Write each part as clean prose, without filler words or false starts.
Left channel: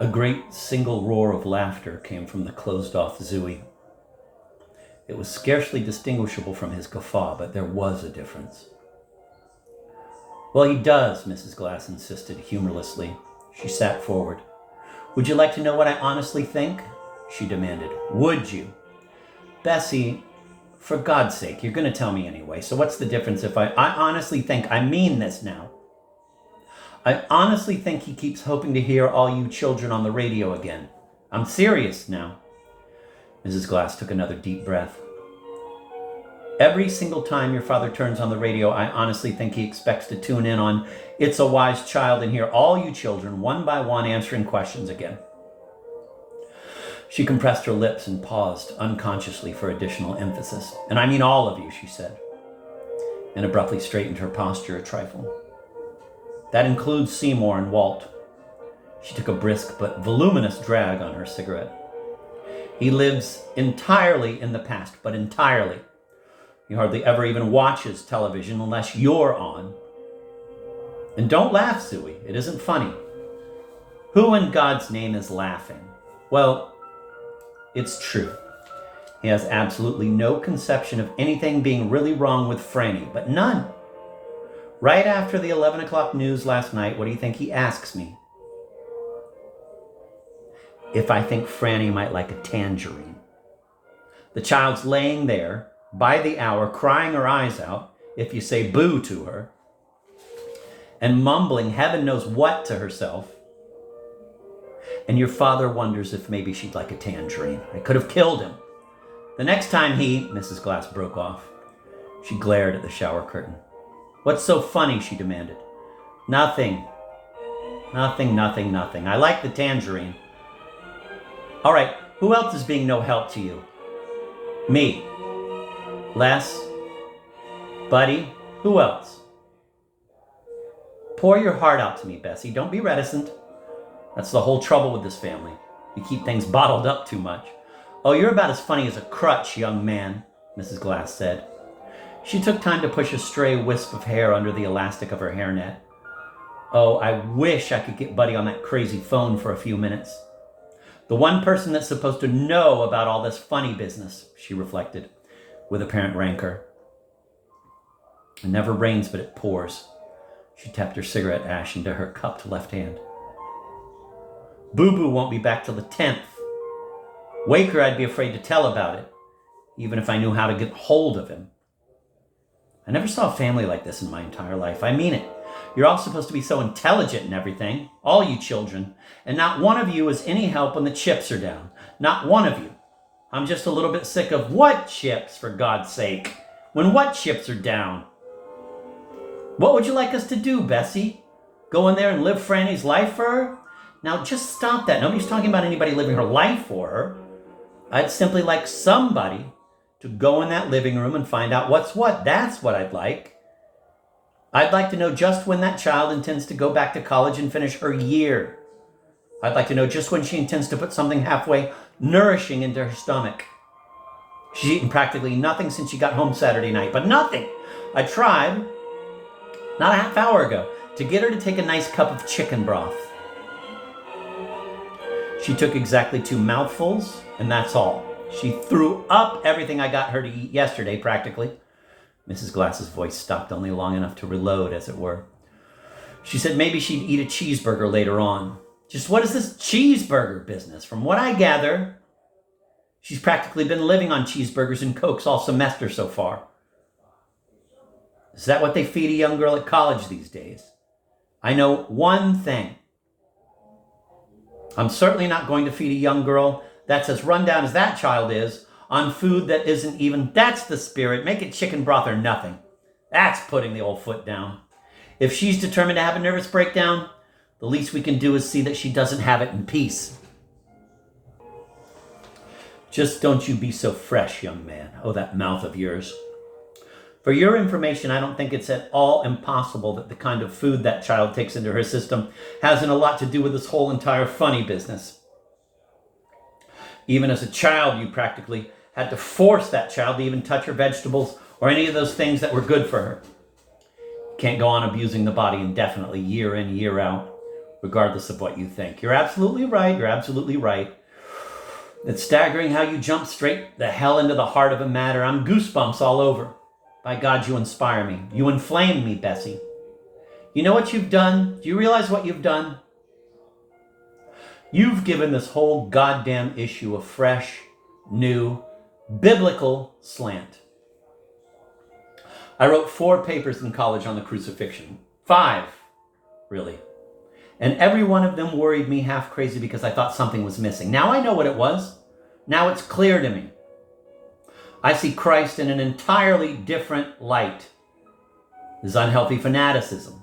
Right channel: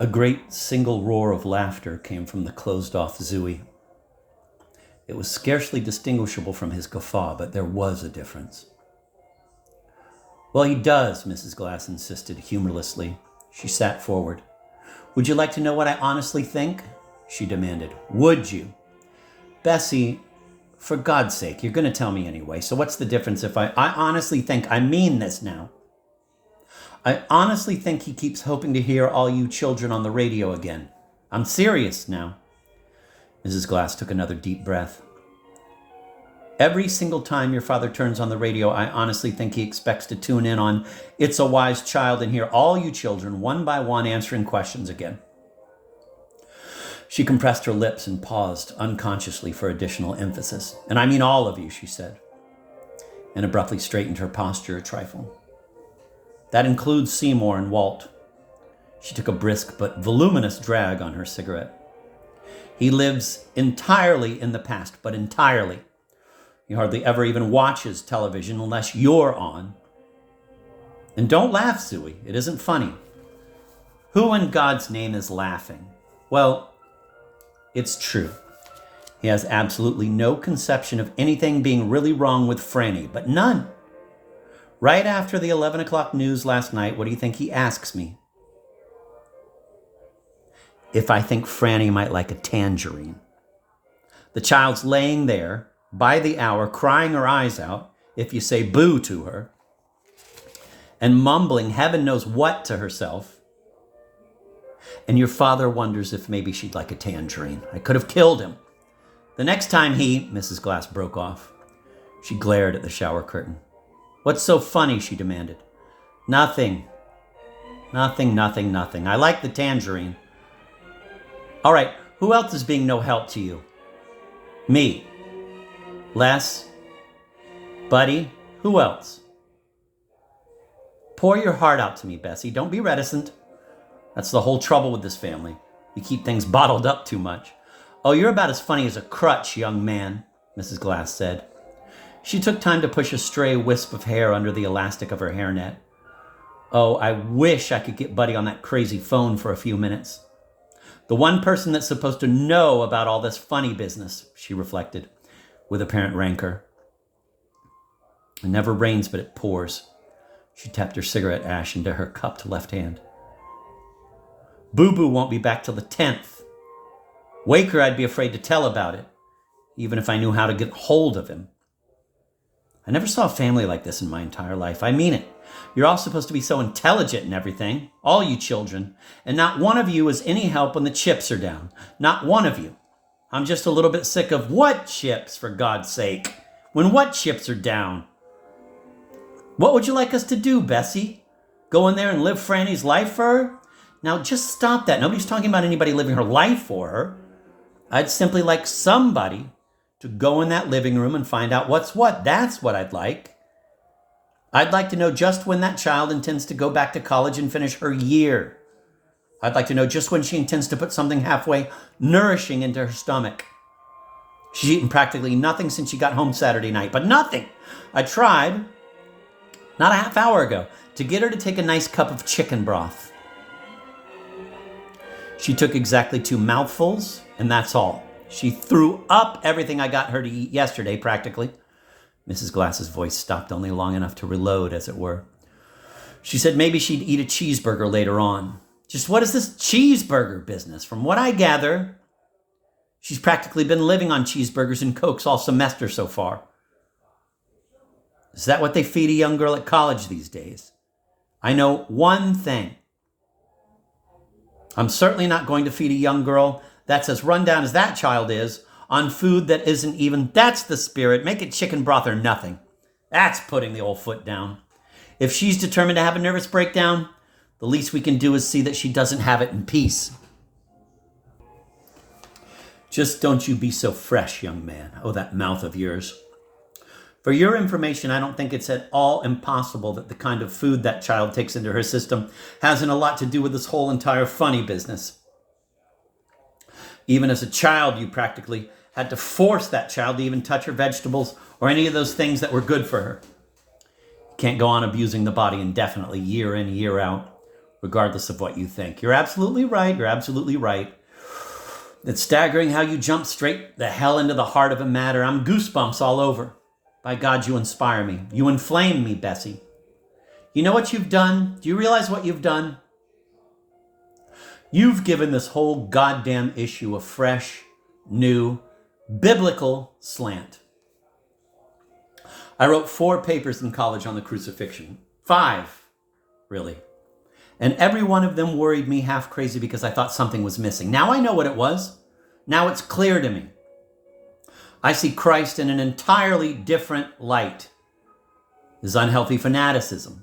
A great single roar of laughter came from the closed-off Zooey. It was scarcely distinguishable from his guffaw, but there was a difference. Well, he does, Mrs. Glass insisted humorlessly. She sat forward. Would you like to know what I honestly think? She demanded. Would you? Bessie, for God's sake, you're going to tell me anyway, so what's the difference if I honestly think, I mean this now. I honestly think he keeps hoping to hear all you children on the radio again. I'm serious now. Mrs. Glass took another deep breath. Every single time your father turns on the radio, I honestly think he expects to tune in on It's a Wise Child and hear all you children one by one answering questions again. She compressed her lips and paused unconsciously for additional emphasis. And I mean all of you, she said, and abruptly straightened her posture a trifle. That includes Seymour and Walt. She took a brisk but voluminous drag on her cigarette. He lives entirely in the past, but entirely. He hardly ever even watches television unless you're on. And don't laugh, Zooey. It isn't funny. Who in God's name is laughing? Well, it's true. He has absolutely no conception of anything being really wrong with Franny, but none. Right after the 11 o'clock news last night, what do you think he asks me? If I think Franny might like a tangerine. The child's laying there by the hour, crying her eyes out if you say boo to her, and mumbling heaven knows what to herself. And your father wonders if maybe she'd like a tangerine. I could have killed him. The next time Mrs. Glass broke off. She glared at the shower curtain. What's so funny? She demanded. Nothing. Nothing. I like the tangerine. All right, who else is being no help to you? Me. Les. Buddy. Who else? Pour your heart out to me, Bessie. Don't be reticent. That's the whole trouble with this family. You keep things bottled up too much. Oh, you're about as funny as a crutch, young man, Mrs. Glass said. She took time to push a stray wisp of hair under the elastic of her hairnet. Oh, I wish I could get Buddy on that crazy phone for a few minutes. The one person that's supposed to know about all this funny business, she reflected, with apparent rancor. It never rains, but it pours. She tapped her cigarette ash into her cupped left hand. Boo-Boo won't be back till the 10th. Waker, I'd be afraid to tell about it, even if I knew how to get hold of him. I never saw a family like this in my entire life. I mean it. You're all supposed to be so intelligent and everything, all you children, and not one of you is any help when the chips are down. Not one of you. I'm just a little bit sick of what chips, for God's sake? When what chips are down? What would you like us to do, Bessie? Go in there and live Franny's life for her? Now just stop that. Nobody's talking about anybody living her life for her. I'd simply like somebody to go in that living room and find out what's what. That's what I'd like. I'd like to know just when that child intends to go back to college and finish her year. I'd like to know just when she intends to put something halfway nourishing into her stomach. She's eaten practically nothing since she got home Saturday night, but nothing. I tried, not a half hour ago, to get her to take a nice cup of chicken broth. She took exactly 2 mouthfuls, and that's all. She threw up everything I got her to eat yesterday, practically. Mrs. Glass's voice stopped only long enough to reload, as it were. She said maybe she'd eat a cheeseburger later on. Just what is this cheeseburger business? From what I gather, she's practically been living on cheeseburgers and Cokes all semester so far. Is that what they feed a young girl at college these days? I know one thing. I'm certainly not going to feed a young girl that's as run down as that child is on food that isn't even, that's the spirit. Make it chicken broth or nothing. That's putting the old foot down. If she's determined to have a nervous breakdown, the least we can do is see that she doesn't have it in peace. Just don't you be so fresh, young man. Oh, that mouth of yours. For your information, I don't think it's at all impossible that the kind of food that child takes into her system hasn't a lot to do with this whole entire funny business. Even as a child, you practically had to force that child to even touch her vegetables or any of those things that were good for her. You can't go on abusing the body indefinitely, year in, year out. regardless of what you think. You're absolutely right. You're absolutely right. It's staggering how you jump straight the hell into the heart of a matter. I'm goosebumps all over. By God, you inspire me. You inflame me, Bessie. You know what you've done? Do you realize what you've done? You've given this whole goddamn issue a fresh, new, biblical slant. I wrote 4 papers in college on the crucifixion. 5, really. And every one of them worried me half crazy because I thought something was missing. Now I know what it was. Now it's clear to me. I see Christ in an entirely different light. His unhealthy fanaticism,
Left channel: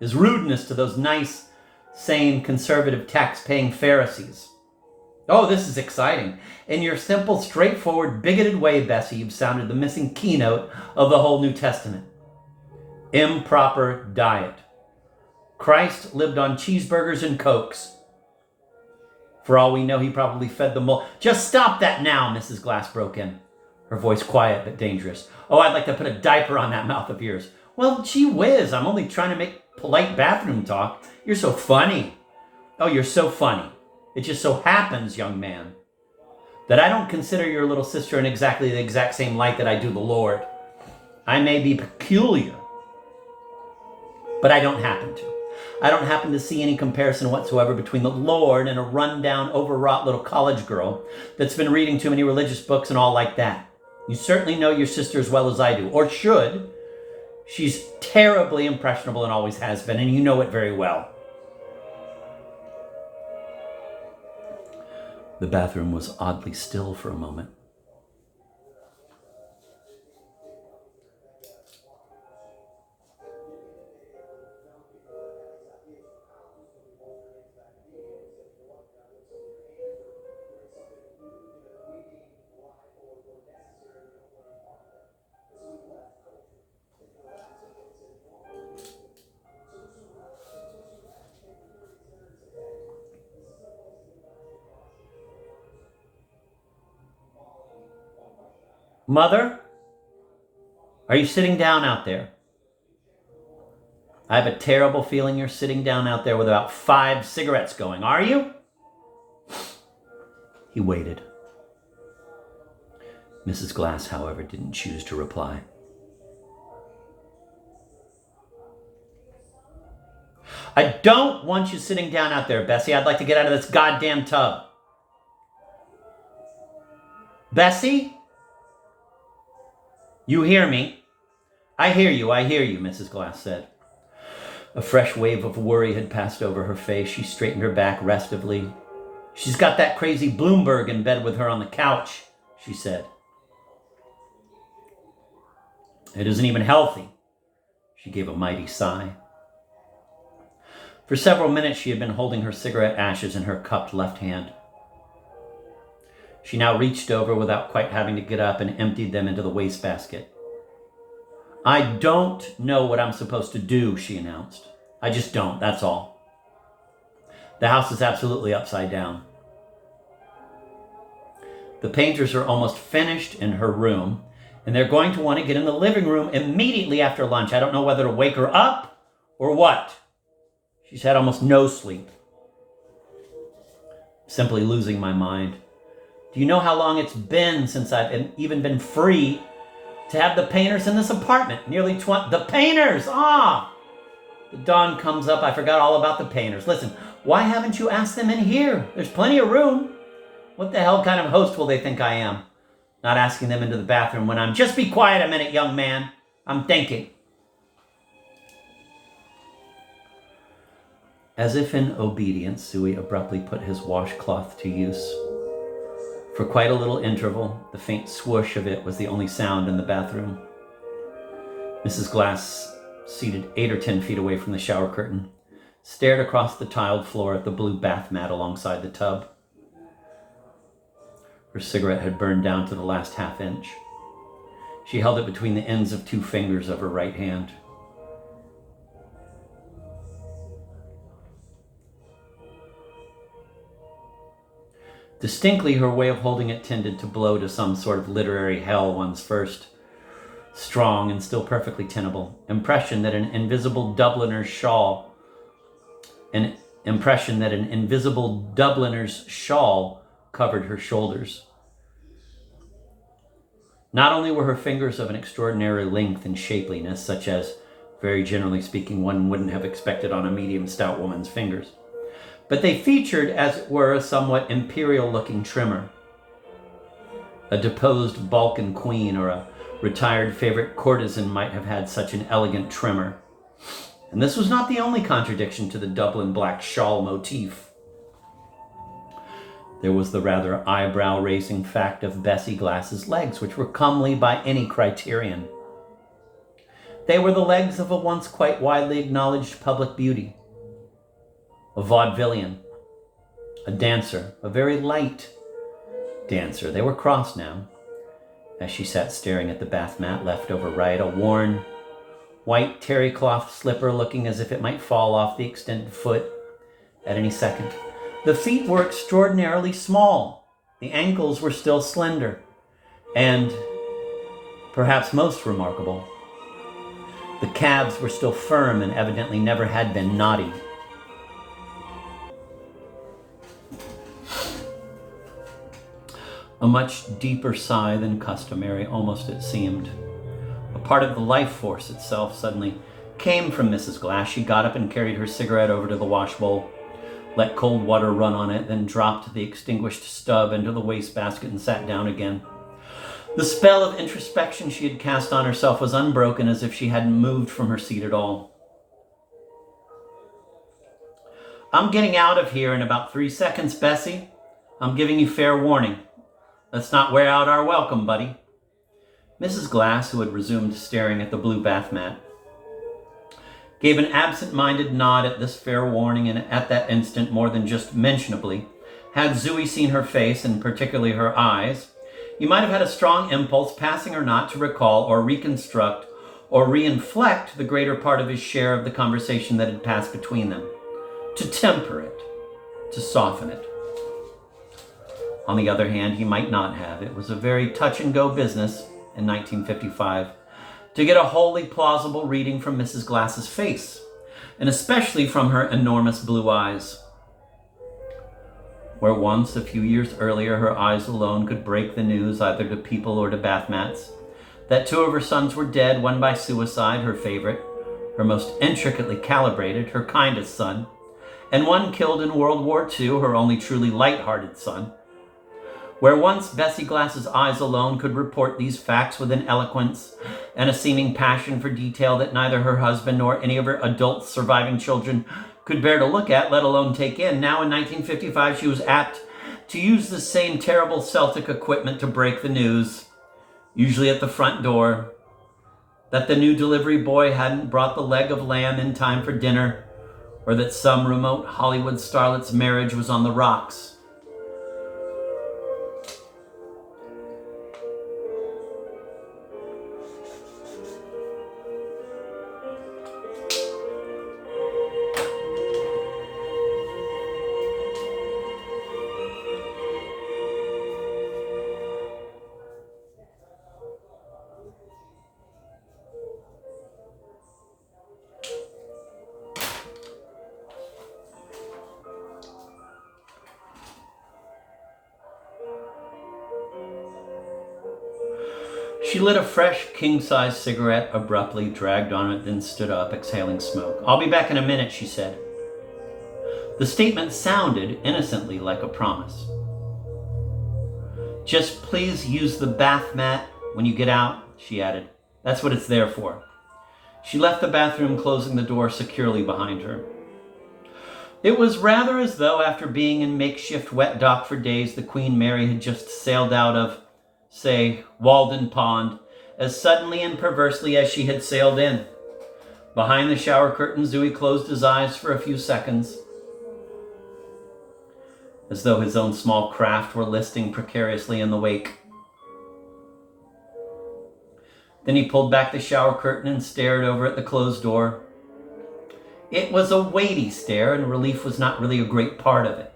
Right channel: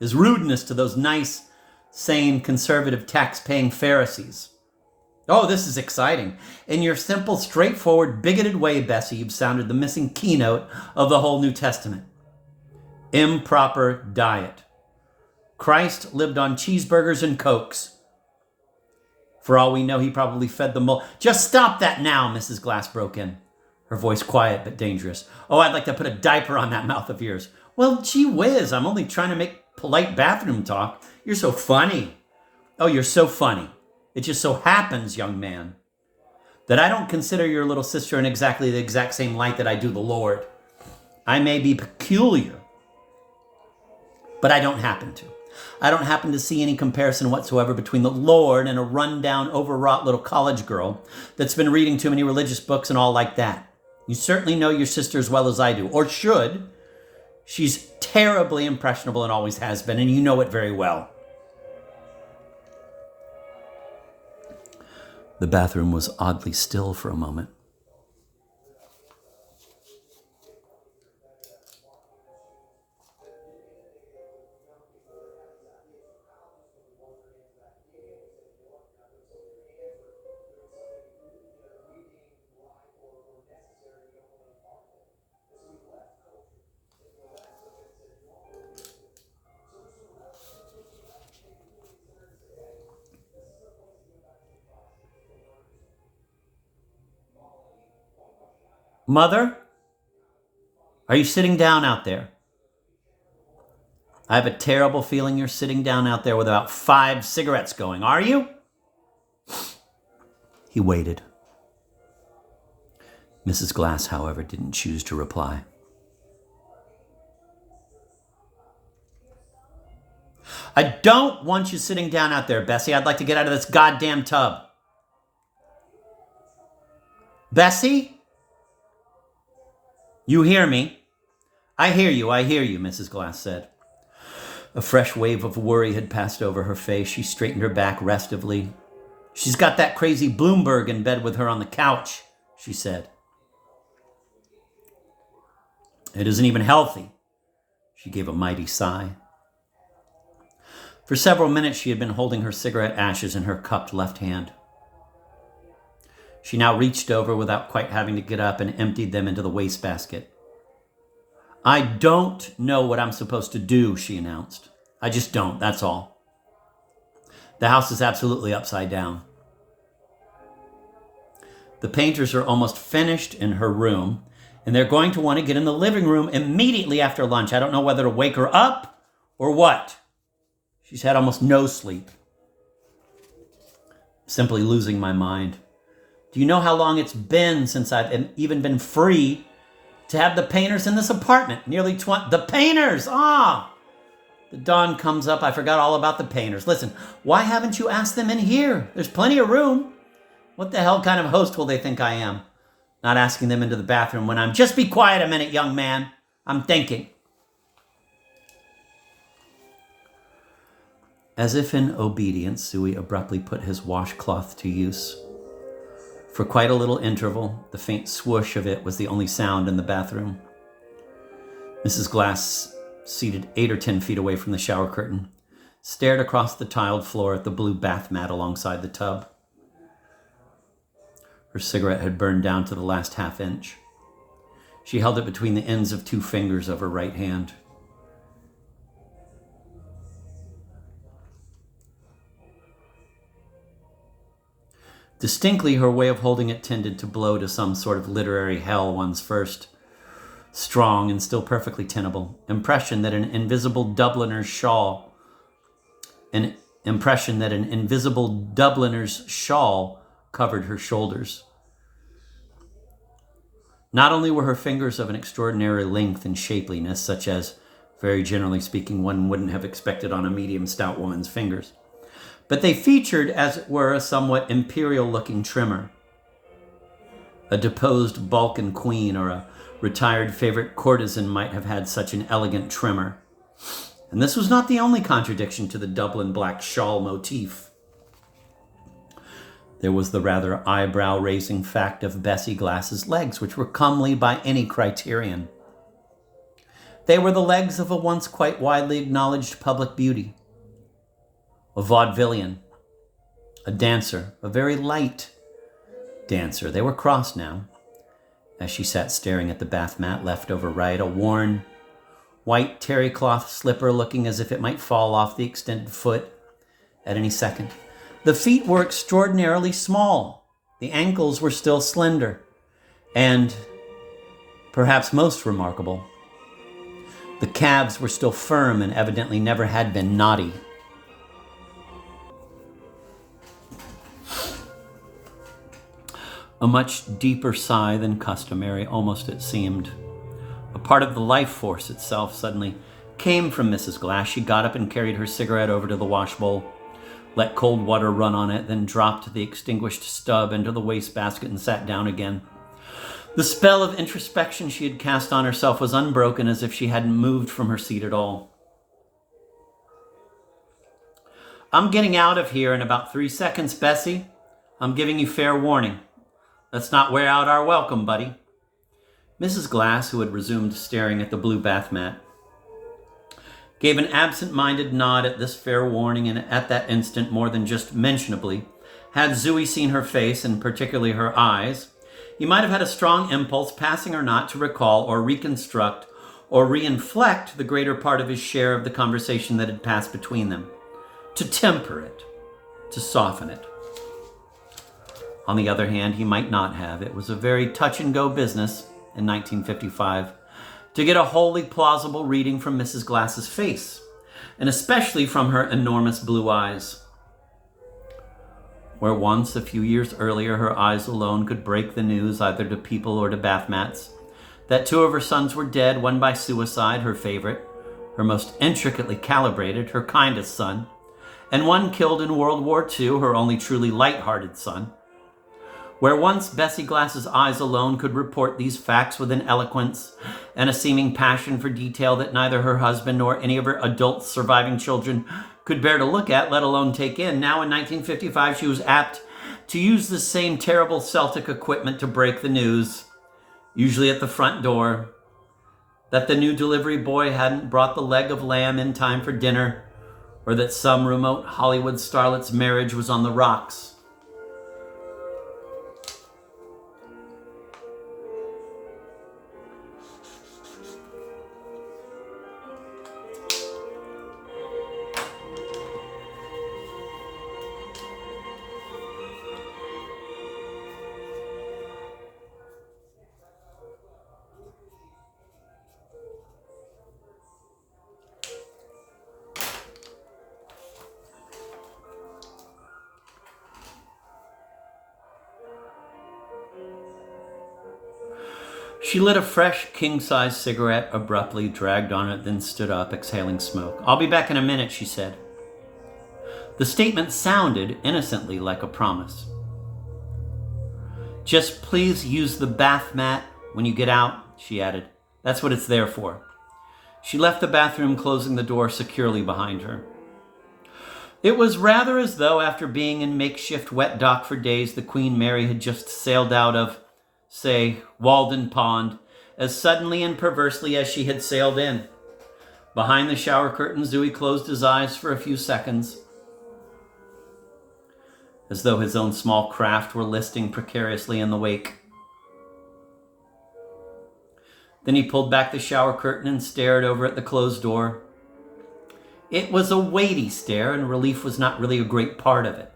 his rudeness to those nice, sane, conservative, tax-paying Pharisees. Oh, this is exciting. In your simple, straightforward, bigoted way, Bessie, you've sounded the missing keynote of the whole New Testament. Improper diet. Christ lived on cheeseburgers and Cokes. For all we know, he probably fed them all. Just stop that now, Mrs. Glass broke in, her voice quiet but dangerous. Oh, I'd like to put a diaper on that mouth of yours. Well, gee whiz, I'm only trying to make polite bathroom talk. You're so funny. Oh, you're so funny. It just so happens, young man, that I don't consider your little sister in exactly the exact same light that I do the Lord. I may be peculiar, but I don't happen to. I don't happen to see any comparison whatsoever between the Lord and a run-down, overwrought little college girl that's been reading too many religious books and all like that. You certainly know your sister as well as I do, or should. She's terribly impressionable and always has been, and you know it very well. The bathroom was oddly still for a moment. Mother, are you sitting down out there? I have a terrible feeling you're sitting down out there with about 5 cigarettes going. Are you? He waited. Mrs. Glass, however, didn't choose to reply. I don't want you sitting down out there, Bessie. I'd like to get out of this goddamn tub. Bessie? You hear me? I hear you, Mrs. Glass said. A fresh wave of worry had passed over her face. She straightened her back restively. She's got that crazy Bloomberg in bed with her on the couch, she said. It isn't even healthy. She gave a mighty sigh. For several minutes she had been holding her cigarette ashes in her cupped left hand. She now reached over without quite having to get up and emptied them into the wastebasket. I don't know what I'm supposed to do, she announced. I just don't, that's all. The house is absolutely upside down. The painters are almost finished in her room, and they're going to want to get in the living room immediately after lunch. I don't know whether to wake her up or what. She's had almost no sleep. Simply losing my mind. Do you know how long it's been since I've even been free to have the painters in this apartment? Nearly 20. The painters! The dawn comes up. I forgot all about the painters. Listen, why haven't you asked them in here? There's plenty of room. What the hell kind of host will they think I am? Not asking them into the bathroom when I'm... Just be quiet a minute, young man. I'm thinking. As if in obedience, Zooey abruptly put his washcloth to use. For quite a little interval, the faint swoosh of it was the only sound in the bathroom. Mrs. Glass, seated 8 or 10 feet away from the shower curtain, stared across the tiled floor at the blue bath mat alongside the tub. Her cigarette had burned down to the last half inch. She held it between the ends of 2 fingers of her right hand. Distinctly, her way of holding it tended to blow to some sort of literary hell, one's first strong and still perfectly tenable impression that an invisible Dubliner's shawl, an impression that an invisible Dubliner's shawl covered her shoulders. Not only were her fingers of an extraordinary length and shapeliness, such as, very generally speaking, one wouldn't have expected on a medium stout woman's fingers, but they featured, as it were, a somewhat imperial-looking trimmer. A deposed Balkan queen or a retired favorite courtesan might have had such an elegant trimmer. And this was not the only contradiction to the Dublin black shawl motif. There was the rather eyebrow-raising fact of Bessie Glass's legs, which were comely by any criterion. They were the legs of a once quite widely acknowledged public beauty, a vaudevillian, a dancer, a very light dancer. They were crossed now, as she sat staring at the bath mat left over right, a worn, white terry cloth slipper looking as if it might fall off the extended foot at any second. The feet were extraordinarily small. The ankles were still slender. And, perhaps most remarkable, the calves were still firm and evidently never had been knotty. A much deeper sigh than customary, almost it seemed. A part of the life force itself suddenly came from Mrs. Glass. She got up and carried her cigarette over to the washbowl, let cold water run on it, then dropped the extinguished stub into the wastebasket and sat down again. The spell of introspection she had cast on herself was unbroken, as if she hadn't moved from her seat at all. "I'm getting out of here in about 3 seconds, Bessie. I'm giving you fair warning. Let's not wear out our welcome, buddy." Mrs. Glass, who had resumed staring at the blue bath mat, gave an absent-minded nod at this fair warning, and at that instant, more than just mentionably, had Zooey seen her face, and particularly her eyes, he might have had a strong impulse, passing or not, to recall or reconstruct or reinflect the greater part of his share of the conversation that had passed between them, to temper it, to soften it. On the other hand, he might not have. It was a very touch-and-go business in 1955 to get a wholly plausible reading from Mrs. Glass's face, and especially from her enormous blue eyes. Where once, a few years earlier, her eyes alone could break the news, either to people or to bath mats, that 2 of her sons were dead, one by suicide, her favorite, her most intricately calibrated, her kindest son, and one killed in World War II, her only truly light-hearted son. Where once Bessie Glass's eyes alone could report these facts with an eloquence and a seeming passion for detail that neither her husband nor any of her adult surviving children could bear to look at, let alone take in, now in 1955 she was apt to use the same terrible Celtic equipment to break the news, usually at the front door, that the new delivery boy hadn't brought the leg of lamb in time for dinner, or that some remote Hollywood starlet's marriage was on the rocks. She lit a fresh, king-size cigarette, abruptly dragged on it, then stood up, exhaling smoke. "I'll be back in a minute," she said. The statement sounded innocently like a promise. "Just please use the bath mat when you get out," she added. "That's what it's there for." She left the bathroom, closing the door securely behind her. It was rather as though, after being in makeshift wet dock for days, the Queen Mary had just sailed out of, say, Walden Pond, as suddenly and perversely as she had sailed in. Behind the shower curtain, Zooey closed his eyes for a few seconds, as though his own small craft were listing precariously in the wake. Then he pulled back the shower curtain and stared over at the closed door. It was a weighty stare, and relief was not really a great part of it.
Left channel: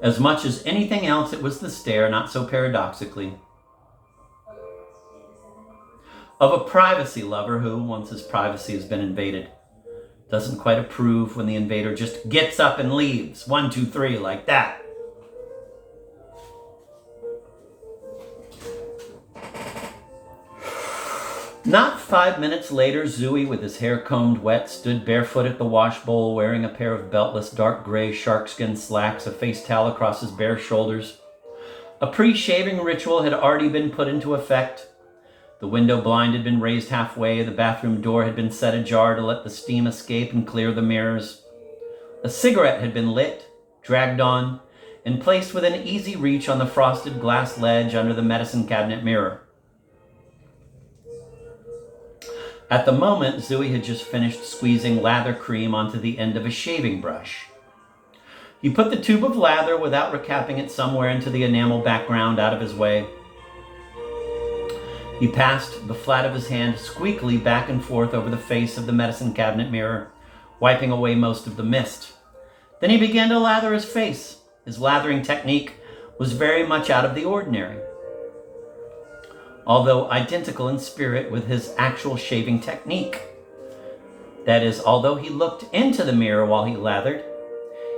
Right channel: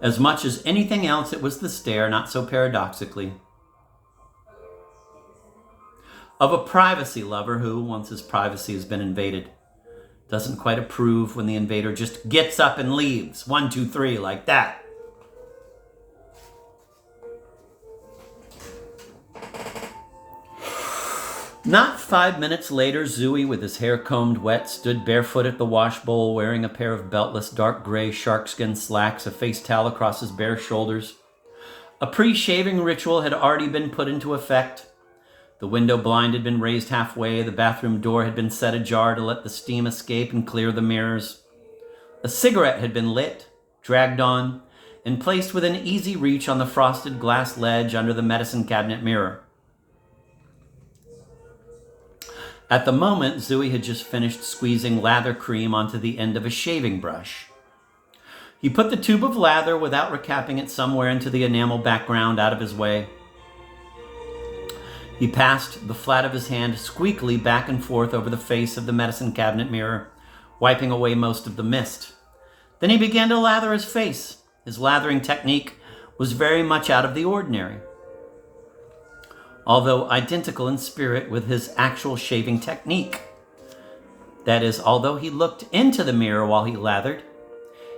As much as anything else, it was the stare, not so paradoxically, of a privacy lover who, once his privacy has been invaded, Doesn't quite approve when the invader just gets up and leaves. 1, 2, 3, like that. Not 5 minutes later, Zooey, with his hair combed wet, stood barefoot at the wash bowl, wearing a pair of beltless dark gray sharkskin slacks, a face towel across his bare shoulders. A pre-shaving ritual had already been put into effect. The window blind had been raised halfway, the bathroom door had been set ajar to let the steam escape and clear the mirrors. A cigarette had been lit, dragged on, and placed within easy reach on the frosted glass ledge under the medicine cabinet mirror. At the moment, Zooey had just finished squeezing lather cream onto the end of a shaving brush. He put the tube of lather, without recapping it, somewhere into the enamel background out of his way. He passed the flat of his hand squeakily back and forth over the face of the medicine cabinet mirror, wiping away most of the mist. Then he began to lather his face. His lathering technique was very much out of the ordinary, although identical in spirit with his actual shaving technique. That is, although he looked into the mirror while he lathered,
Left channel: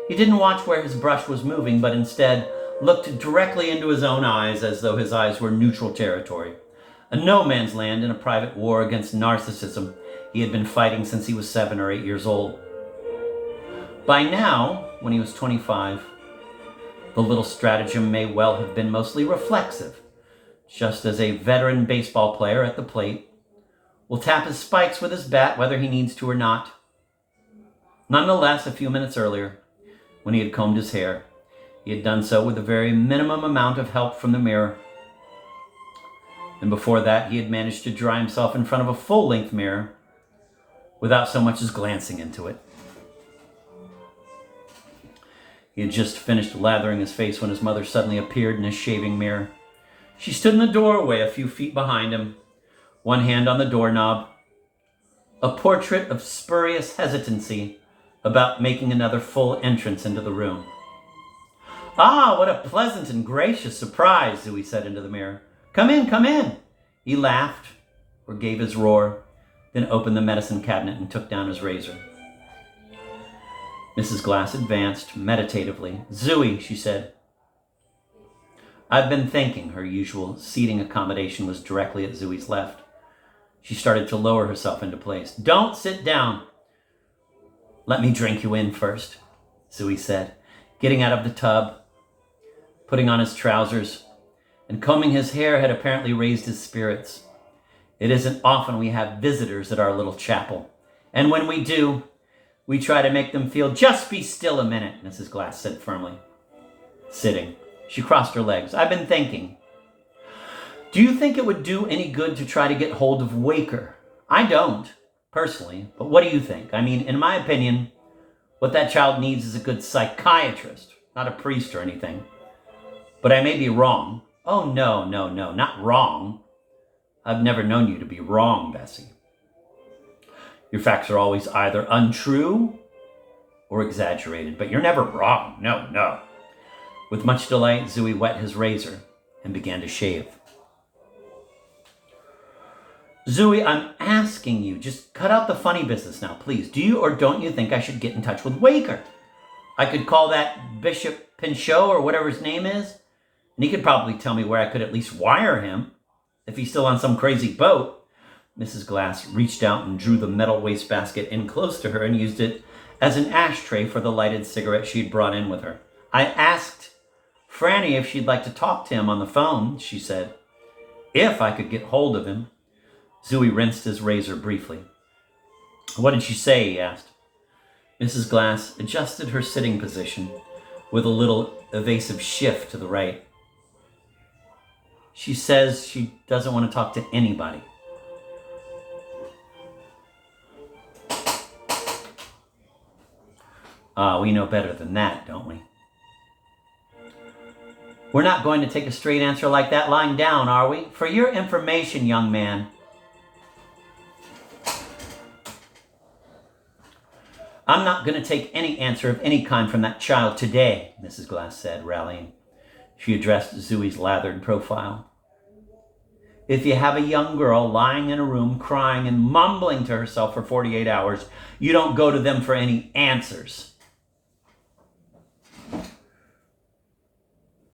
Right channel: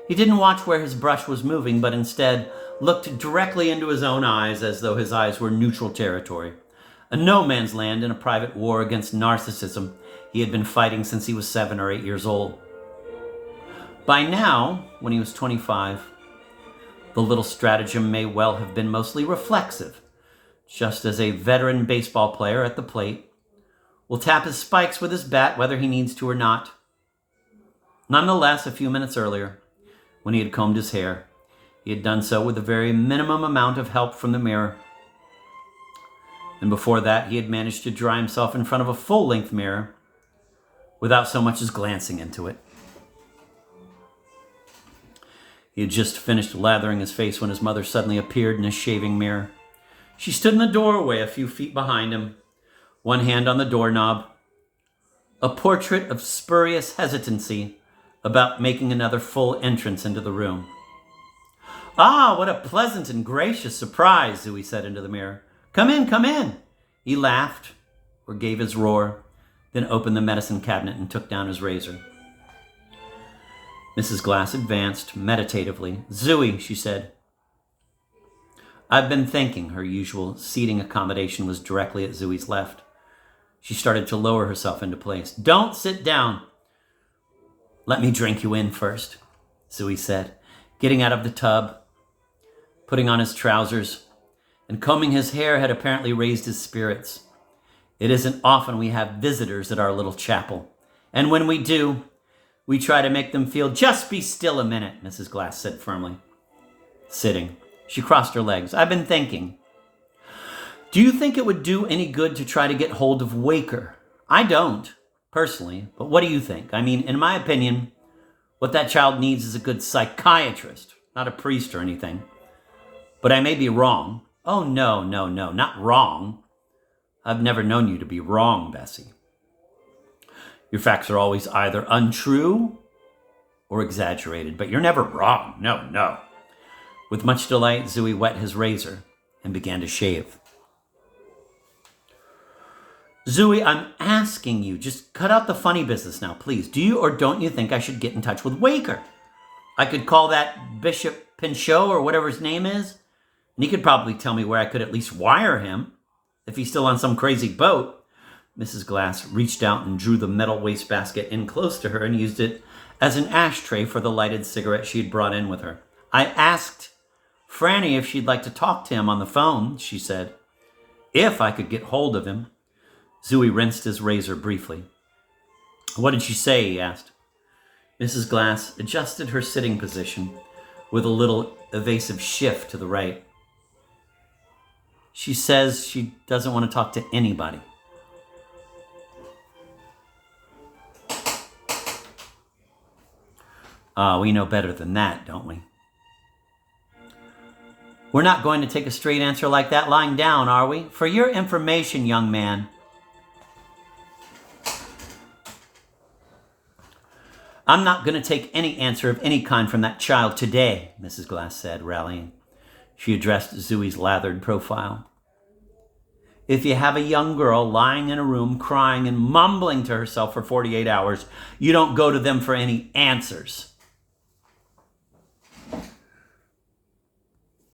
he didn't watch where his brush was moving, but instead looked directly into his own eyes as though his eyes were neutral territory, a no man's land in a private war against narcissism he had been fighting since he was 7 or 8 years old. By now, when he was 25, the little stratagem may well have been mostly reflexive, just as a veteran baseball player at the plate will tap his spikes with his bat whether he needs to or not. Nonetheless, a few minutes earlier, when he had combed his hair, he had done so with a very minimum amount of help from the mirror. And before that, he had managed to dry himself in front of a full-length mirror without so much as glancing into it. He had just finished lathering his face when his mother suddenly appeared in his shaving mirror. She stood in the doorway a few feet behind him, one hand on the doorknob, a portrait of spurious hesitancy about making another full entrance into the room. "Ah, what a pleasant and gracious surprise," Zooey said into the mirror. Come in, come in." He laughed, or gave his roar, then opened the medicine cabinet and took down his razor. Mrs. Glass advanced meditatively. "Zooey," she said. "I've been thinking." Her usual seating accommodation was directly at Zooey's left. She started to lower herself into place. "Don't sit down. Let me drink you in first," Zooey said, getting out of the tub, putting on his trousers, and combing his hair had apparently raised his spirits. It isn't often we have visitors at our little chapel, and when we do, we try to make them feel, "Just be still a minute," Mrs. Glass said firmly. Sitting, she crossed her legs. "I've been thinking. Do you think it would do any good to try to get hold of Waker? I don't, personally, but what do you think? I mean, in my opinion, what that child needs is a good psychiatrist, not a priest or anything. But I may be wrong." "Oh, no, not wrong. I've never known you to be wrong, Bessie. Your facts are always either untrue or exaggerated, but you're never wrong. No. With much delight, Zooey wet his razor and began to shave. "Zooey, I'm asking you, just cut out the funny business now, please. Do you or don't you think I should get in touch with Waker? I could call that Bishop Pinchot or whatever his name is, and he could probably tell me where I could at least wire him, if he's still on some crazy boat." Mrs. Glass reached out and drew the metal wastebasket in close to her and used it as an ashtray for the lighted cigarette she'd brought in with her. "I asked Franny if she'd like to talk to him on the phone," she said. "If I could get hold of him." Zooey rinsed his razor briefly. "What did she say?" he asked. Mrs. Glass adjusted her sitting position with a little evasive shift to the right. "She says she doesn't want to talk to anybody." We know better than that, don't we? We're not going to take a straight answer like that lying down, are we? For your information, young man, I'm not going to take any answer of any kind from that child today, Mrs. Glass said, rallying. She addressed Zooey's lathered profile. If you have a young girl lying in a room crying and mumbling to herself for 48 hours, you don't go to them for any answers.